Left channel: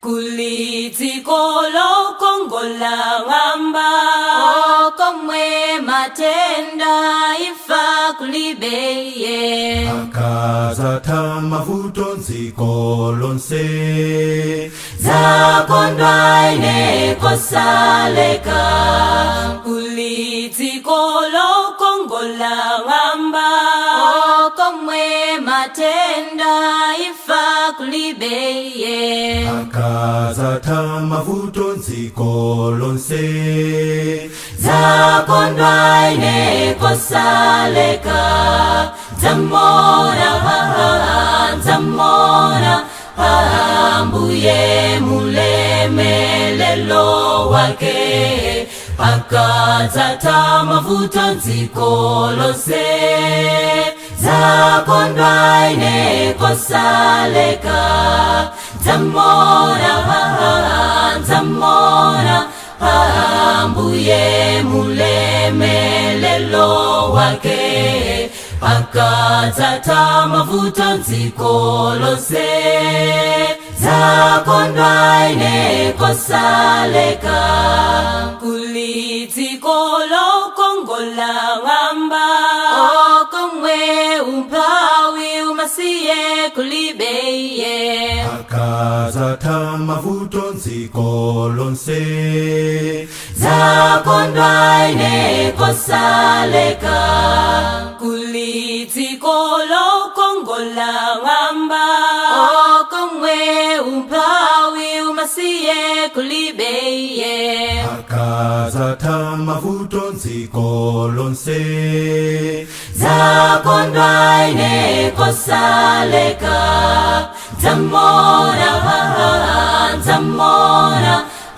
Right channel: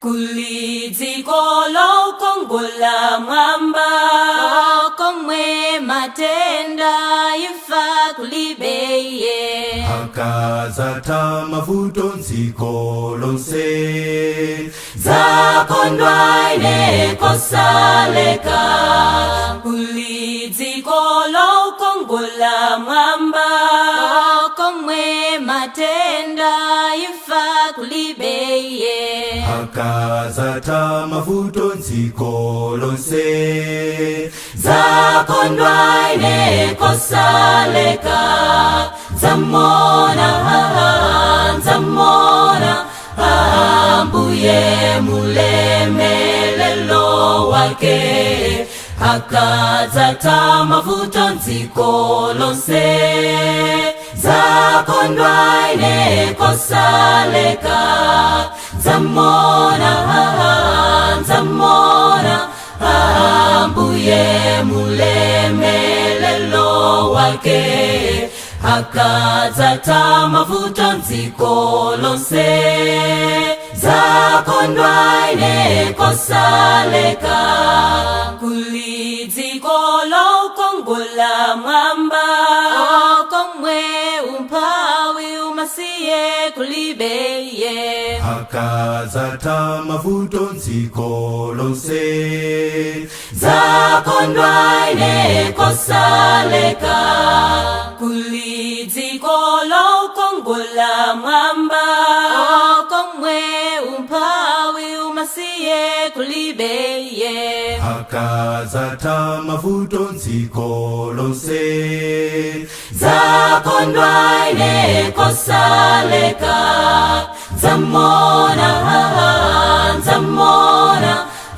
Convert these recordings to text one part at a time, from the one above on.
Kulizikolo kongola ngamba komwe matenda ifa kulibeye akazata mavuto nziko lonse zakondwa ine kosaleka kulizikolo kongola ngamba komwe matenda ifa kulibeye akazata mavuto nziko lonse zakondwa ine kosaleka zamona ambuye mulemelelo wake akazata mavuto nziko lonse zakondwa ine kosaleka zamona ambuye mulemelelo wake akazata mavuto nziko lonse zakondwa ine kosaleka kulizikolo kongola ngamba komwe umpawi umasiye kulibeye akazata mavuto nziko lonse zakondwa ine kosaleka kulizikolo kongola ngamba komwe umpawi umasiye kulibeye akazata mavuto nziko lonse zakondwa ine kosaleka zamona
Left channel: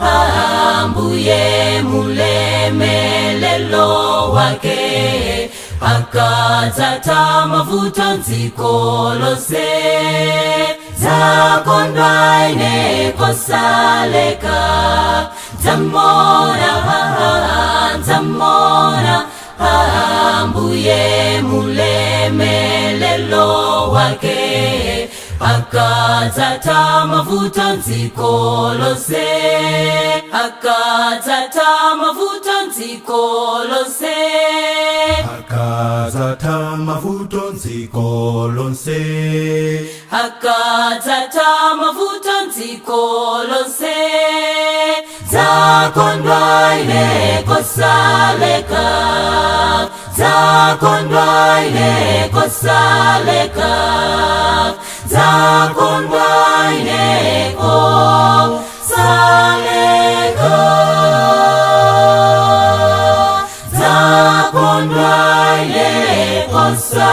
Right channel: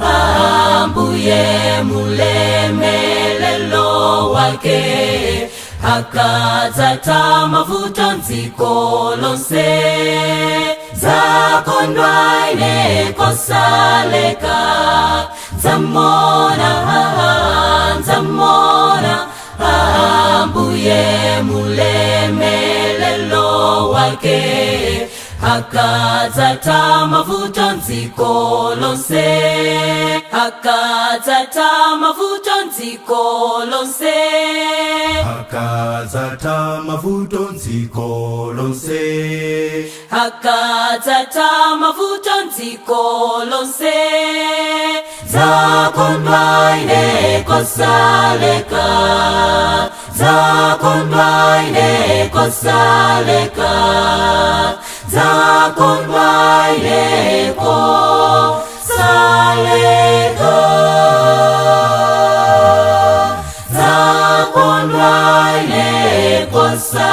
ambuye mulemelelo wake akazata mavuto nziko lonse zakondwa ine kosaleka zamona ambuye mulemelelo wake akazata mavuto nziko lonse akazata mavuto nziko lonse akazata mavuto nziko lonse akazata mavuto nziko lonse zakondwa ine kosaleka zakondwa ine kosaleka zakondwa ine kosaleka zakondwa ine kosaleka